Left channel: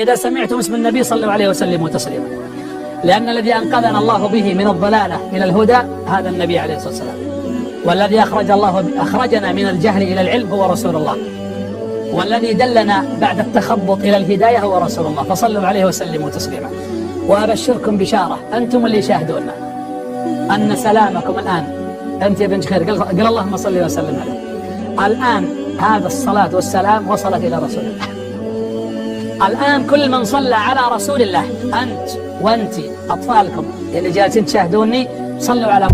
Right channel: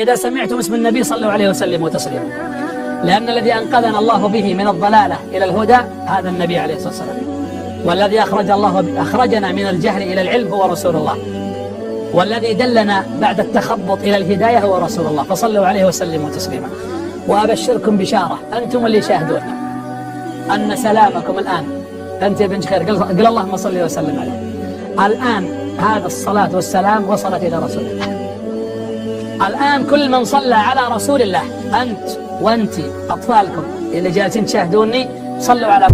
إذا سمعتم اسم النبي صلوا عليه وسلموا تسليما، لأن الذي أنقذنا الله به من الضلالة إلى الهدى هذا النبي عليه الصلاة والسلام، والذي أخرجنا من الجهل إلى العلم هو رسول الله، والذي دلنا بعد التخبط إلى الهداية هو رسول الله، فصلوا عليه وسلموا تسليما. وأبشركم بشارة أنتم اللي شاهدون أن سلامكم الآن، أنت يا بن خير قل اللهم صل وسلم عليه، الآن هذا الصلاة والسلام وصلت إلى رسول الله. الآن كل من صلى على رسول الله، أنت وأنت أطفالكم اللي جالسين تشاهدوني صلوا على